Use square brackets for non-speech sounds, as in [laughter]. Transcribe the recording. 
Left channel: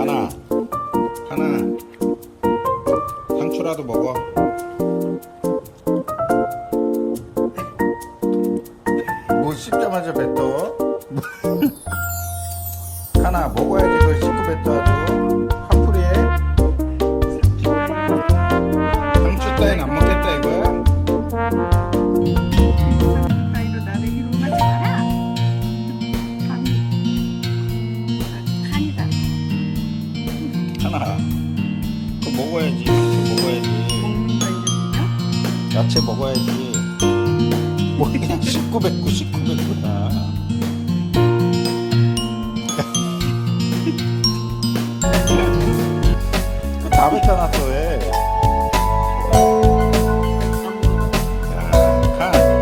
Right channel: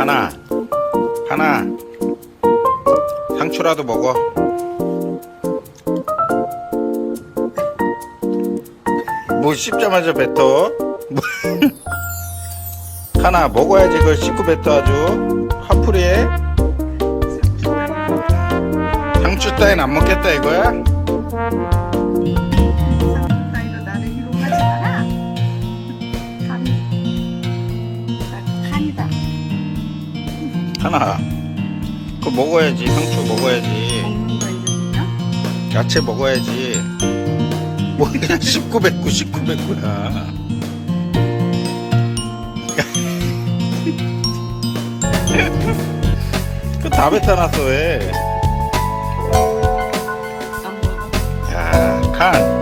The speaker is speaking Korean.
하나. 하나. 상추라도 먹어. 뭐 씹자마자 뱉어? 뭐. [laughs] 하나 먹어야지 그걸 씹고 뱉어 아주. 한풀이에. 상추 따윈 안 먹겠다 이거야 하나 그거 먹어야지 상추 먹어야지. 야채 먹어야지 뭐 그냥 씹고 뱉고 씹고 뱉고야 그다 뱉어놨어 왜. 야, 칸.